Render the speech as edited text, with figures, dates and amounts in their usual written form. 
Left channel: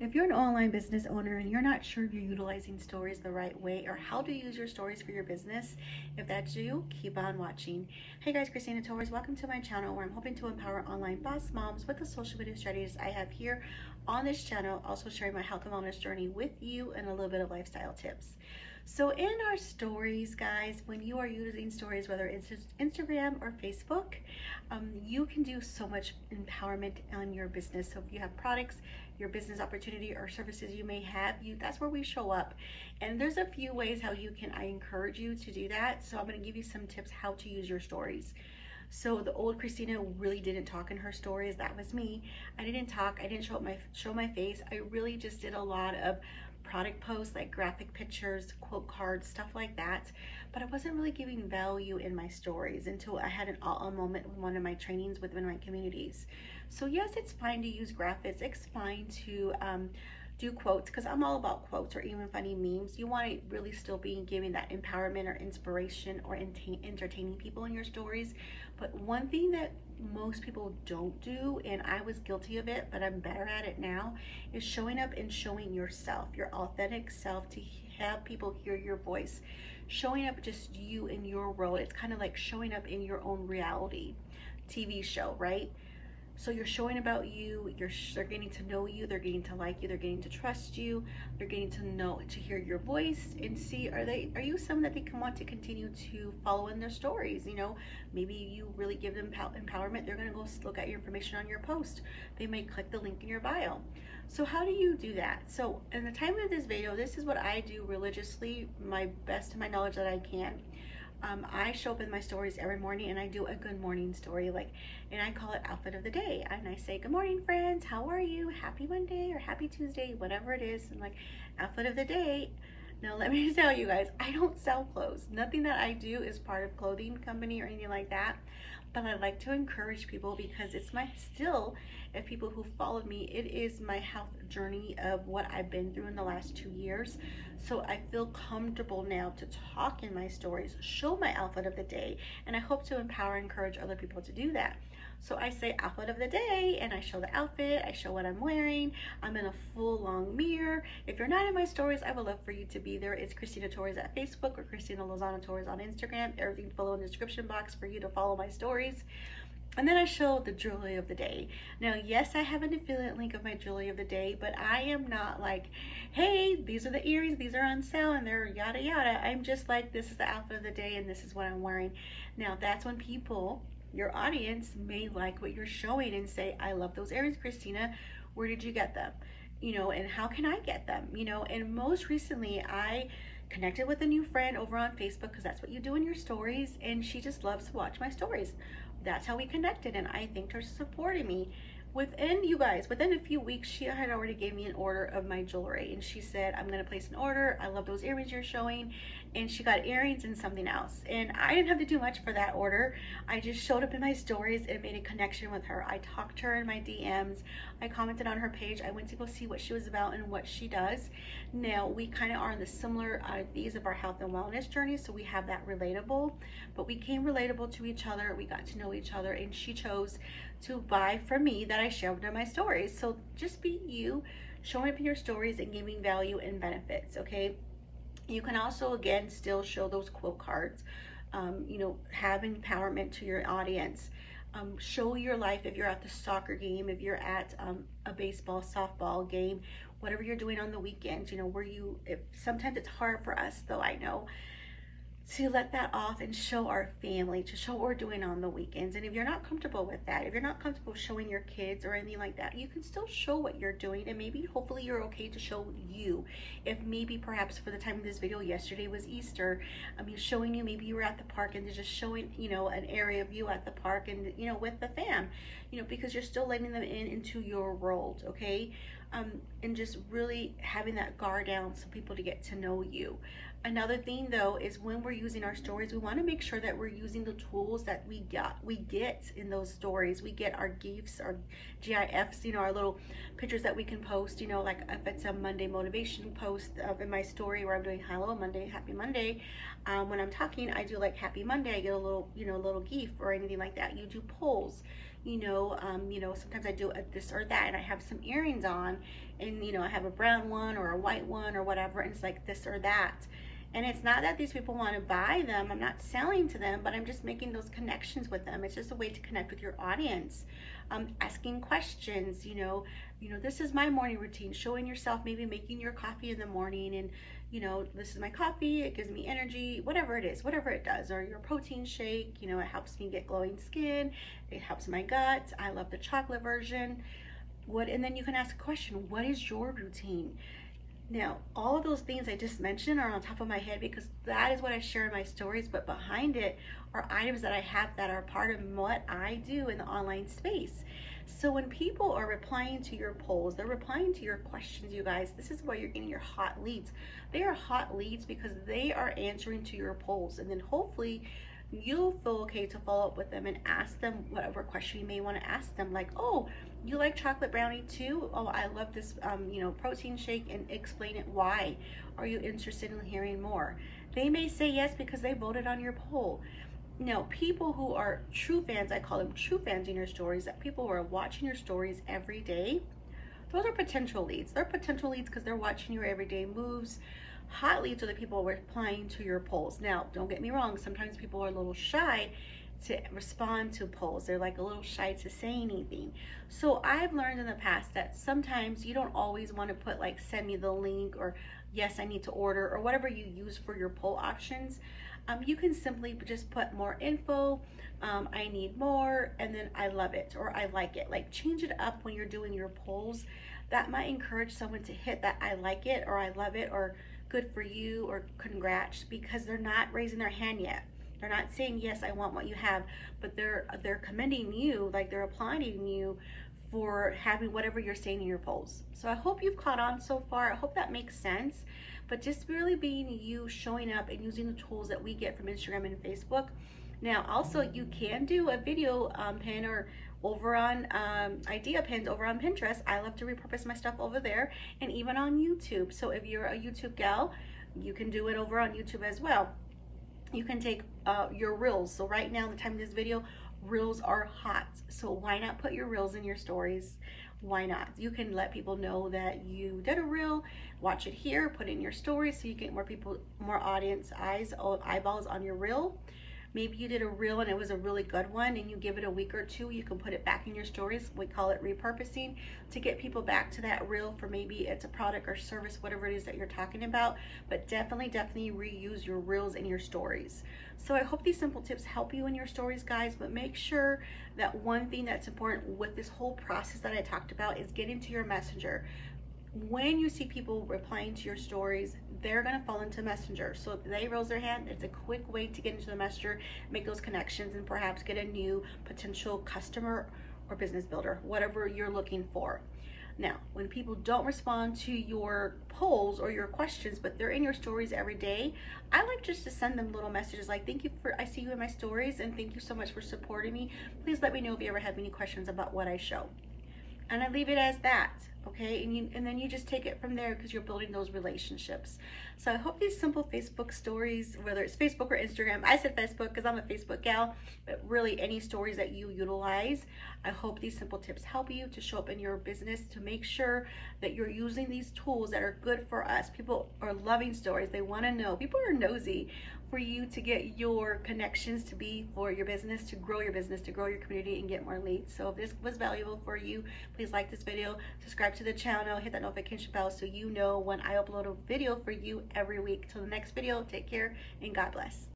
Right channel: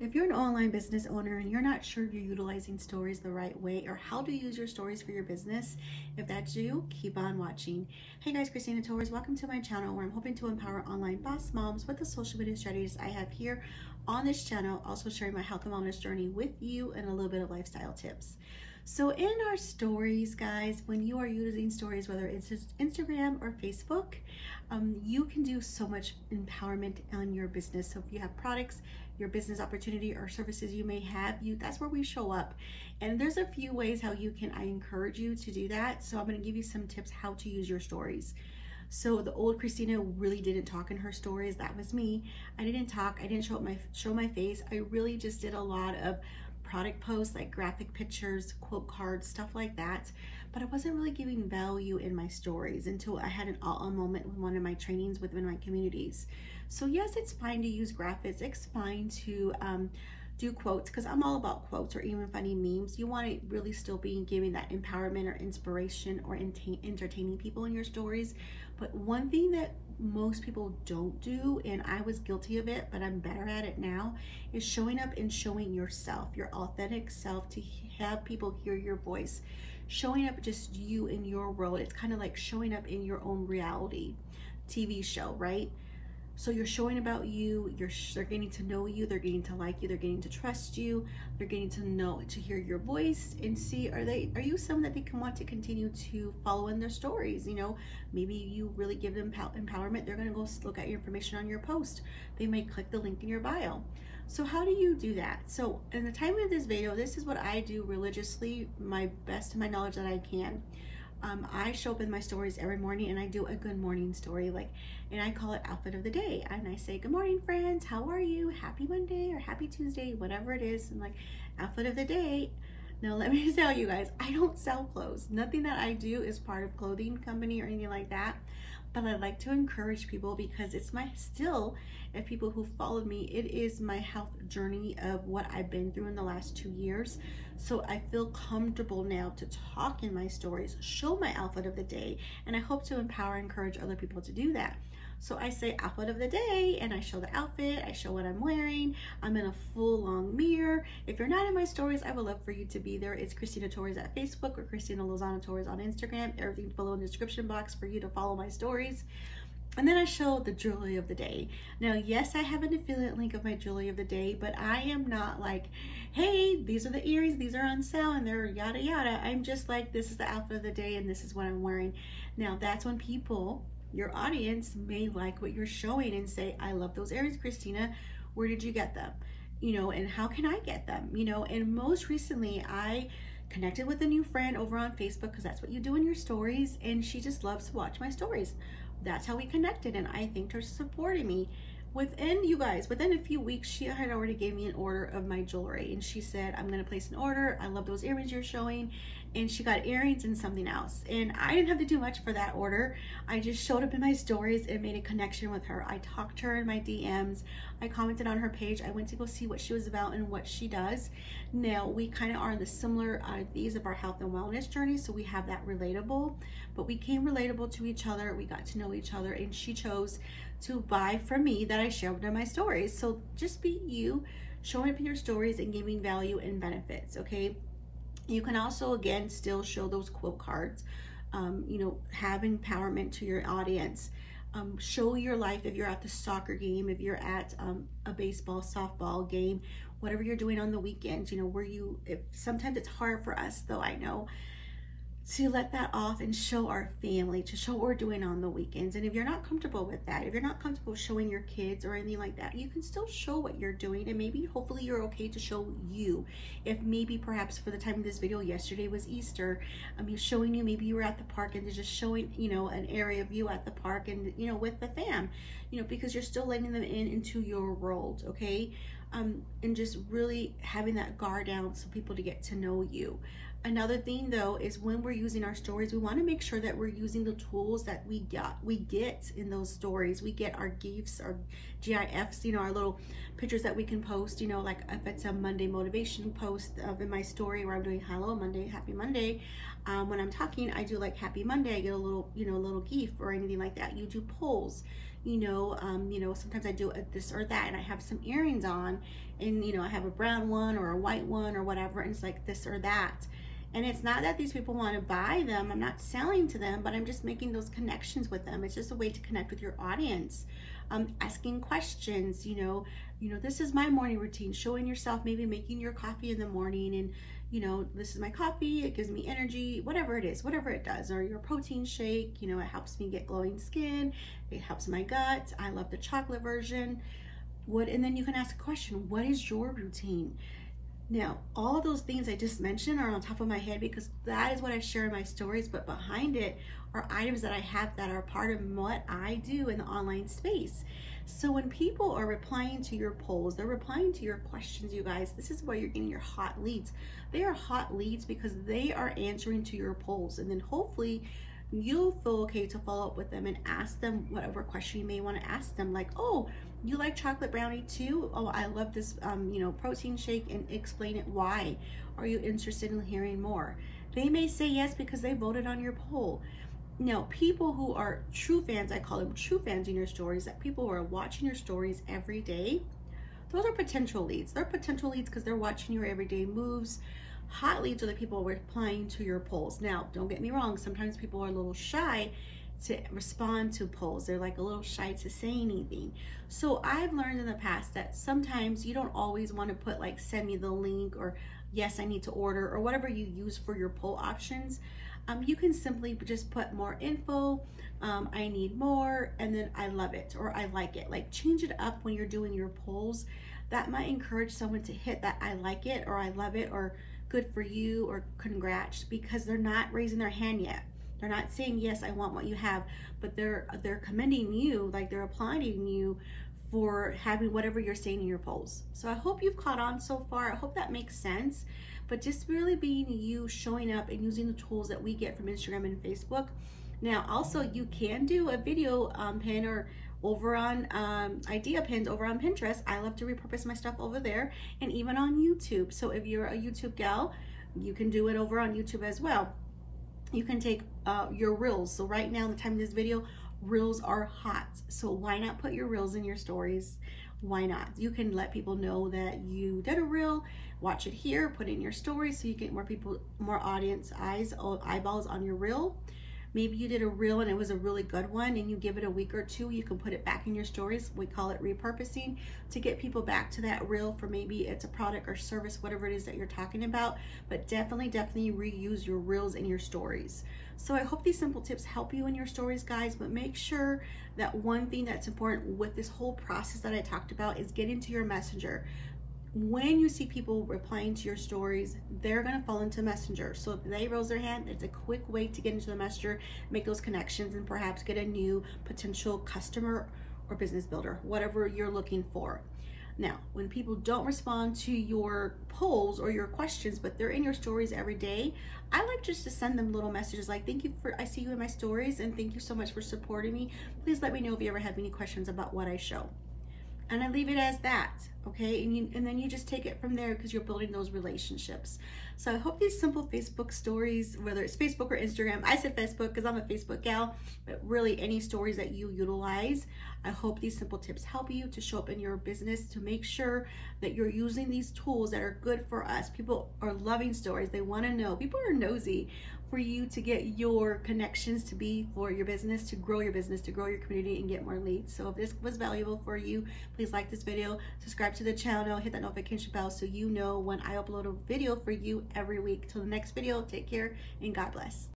If you're an online business owner and you're not sure you're utilizing stories the right way or how to use your stories for your business, if that's you, keep on watching. Hey guys, Kristeena Torres, welcome to my channel where I'm hoping to empower online boss moms with the social media strategies I have here on this channel, also sharing my health and wellness journey with you and a little bit of lifestyle tips. So in our stories, guys, when you are using stories, whether it's Instagram or Facebook, you can do so much empowerment on your business. So if you have products, your business opportunity or services you may have, that's where we show up. And there's a few ways how I encourage you to do that. So I'm going to give you some tips how to use your stories. So the old Kristeena really didn't talk in her stories. That was me. I didn't talk. I didn't show my face. I really just did a lot of product posts, like graphic pictures, quote cards, stuff like that. But I wasn't really giving value in my stories until I had an aha moment in one of my trainings within my communities. So yes, it's fine to use graphics. It's fine to do quotes, because I'm all about quotes or even funny memes. You want to really still be giving that empowerment or inspiration or entertaining people in your stories. But one thing that most people don't do, and I was guilty of it, but I'm better at it now, is showing up and showing yourself, your authentic self, to have people hear your voice. Showing up just you in your world. It's kind of like showing up in your own reality TV show, right? So you're showing about you, they're getting to know you, they're getting to like you, they're getting to trust you, they're getting to hear your voice and see, are you someone that they can want to continue to follow in their stories? You know, maybe you really give them empowerment, they're gonna go look at your information on your post. They may click the link in your bio. So how do you do that? So in the time of this video, this is what I do religiously, my best to my knowledge that I can. I show up in my stories every morning and I do a good morning story, and I call it outfit of the day. And I say, good morning, friends. How are you? Happy Monday or happy Tuesday, whatever it is. And like, outfit of the day. Now, let me tell you guys, I don't sell clothes. Nothing that I do is part of clothing company or anything like that. But I like to encourage people because it's if people who followed me, it is my health journey of what I've been through in the last 2 years. So I feel comfortable now to talk in my stories, show my outfit of the day, and I hope to empower and encourage other people to do that. So I say outfit of the day and I show the outfit, I show what I'm wearing. I'm in a full long mirror. If you're not in my stories, I would love for you to be there. It's Kristeena Torres at Facebook or Kristeena Lozano Torres on Instagram. Everything's below in the description box for you to follow my stories. And then I show the jewelry of the day. Now, yes, I have an affiliate link of my jewelry of the day, but I am not like, hey, these are the earrings, these are on sale, and they're yada yada. I'm just like, this is the outfit of the day and this is what I'm wearing. Now, that's when people, your audience, may like what you're showing and say, I love those earrings, Kristeena. Where did you get them? You know, and how can I get them? You know, and most recently I connected with a new friend over on Facebook, because that's what you do in your stories, and she just loves to watch my stories. That's how we connected, and I thanked her for supporting me. Within a few weeks, she had already gave me an order of my jewelry, and she said, I'm gonna place an order. I love those earrings you're showing. And she got earrings and something else. And I didn't have to do much for that order. I just showed up in my stories and made a connection with her. I talked to her in my DMs. I commented on her page. I went to go see what she was about and what she does. Now, we kind of are in the similar these of our health and wellness journey, so we have that relatable, but we came relatable to each other. We got to know each other, and she chose to buy from me that I shared in my stories. So just be you, showing up in your stories and giving value and benefits, okay? You can also, again, still show those quote cards, you know, have empowerment to your audience. Show your life if you're at the soccer game, if you're at a baseball, softball game, whatever you're doing on the weekends, you know, sometimes it's hard for us, though, I know, to let that off and show our family, to show what we're doing on the weekends. And if you're not comfortable with that, if you're not comfortable showing your kids or anything like that, you can still show what you're doing, and maybe hopefully you're okay to show you. If maybe perhaps for the time of this video, yesterday was Easter, showing you, maybe you were at the park and they're just showing, you know, an area of you at the park and, you know, with the fam, you know, because you're still letting them into your world, okay? And just really having that guard down so people to get to know you. Another thing, though, is when we're using our stories, we want to make sure that we're using the tools that we get in those stories. We get our GIFs, our GIFs, you know, our little pictures that we can post, you know, like if it's a Monday motivation post in my story where I'm doing hello Monday, happy Monday. When I'm talking, I do like happy Monday. I get a little, you know, a little GIF or anything like that. You do polls. sometimes I do this or that, and I have some earrings on, and I have a brown one or a white one or whatever, and it's like this or that. And it's not that these people want to buy them. I'm not selling to them, but I'm just making those connections with them. It's just a way to connect with your audience. Asking questions, this is my morning routine, showing yourself, maybe making your coffee in the morning, and this is my coffee, it gives me energy, whatever it is, whatever it does. Or your protein shake, it helps me get glowing skin, it helps my gut. I love the chocolate version. And then you can ask a question, what is your routine? Now, all of those things I just mentioned are on top of my head because that is what I share in my stories, but behind it are items that I have that are part of what I do in the online space. So when people are replying to your polls, they're replying to your questions, you guys, this is where you're getting your hot leads. They are hot leads because they are answering to your polls, and then hopefully you'll feel okay to follow up with them and ask them whatever question you may want to ask them, like, oh, you like chocolate brownie too? Oh, I love this protein shake, and explain it. Why are you interested in hearing more? They may say yes because they voted on your poll. Now, people who are true fans, I call them true fans in your stories, that people who are watching your stories every day, those are potential leads. They're potential leads because they're watching your everyday moves. Hot leads are the people replying to your polls. Now, don't get me wrong, sometimes people are a little shy to respond to polls. They're like a little shy to say anything. So I've learned in the past that sometimes you don't always want to put like, send me the link, or yes, I need to order, or whatever you use for your poll options. You can simply just put more info, I need more, and then I love it, or I like it. Like, change it up when you're doing your polls. That might encourage someone to hit that I like it, or I love it, or good for you, or congrats, because they're not raising their hand yet. They're not saying, yes, I want what you have, but they're commending you, like they're applauding you for having whatever you're saying in your polls. So I hope you've caught on so far. I hope that makes sense. But just really being you, showing up and using the tools that we get from Instagram and Facebook. Now, also, you can do a video pin, or over on idea pins over on Pinterest. I love to repurpose my stuff over there, and even on YouTube. So if you're a YouTube gal, you can do it over on YouTube as well. You can take your reels. So right now, in the time of this video, reels are hot. So why not put your reels in your stories? Why not? You can let people know that you did a reel, watch it here, put it in your stories, so you get more people, more audience eyeballs on your reel. Maybe you did a reel and it was a really good one, and you give it a week or two, you can put it back in your stories. We call it repurposing, to get people back to that reel for maybe it's a product or service, whatever it is that you're talking about. But definitely reuse your reels in your stories. So I hope these simple tips help you in your stories, guys, but make sure that one thing that's important with this whole process that I talked about is get into your messenger. When you see people replying to your stories, they're going to fall into Messenger. So if they raise their hand, it's a quick way to get into the Messenger, make those connections, and perhaps get a new potential customer or business builder, whatever you're looking for. Now, when people don't respond to your polls or your questions, but they're in your stories every day, I like just to send them little messages like, thank you I see you in my stories, and thank you so much for supporting me. Please let me know if you ever have any questions about what I show. And I leave it as that, okay? And then you just take it from there, because you're building those relationships. So I hope these simple Facebook stories, whether it's Facebook or Instagram, I said Facebook because I'm a Facebook gal, but really any stories that you utilize, I hope these simple tips help you to show up in your business, to make sure that you're using these tools that are good for us. People are loving stories. They want to know. People are nosy for you to get your connections to be for your business, to grow your business, to grow your community, and get more leads. So if this was valuable for you, please like this video, subscribe to the channel, hit that notification bell so you know when I upload a video for you every week. Till the next video, take care and God bless.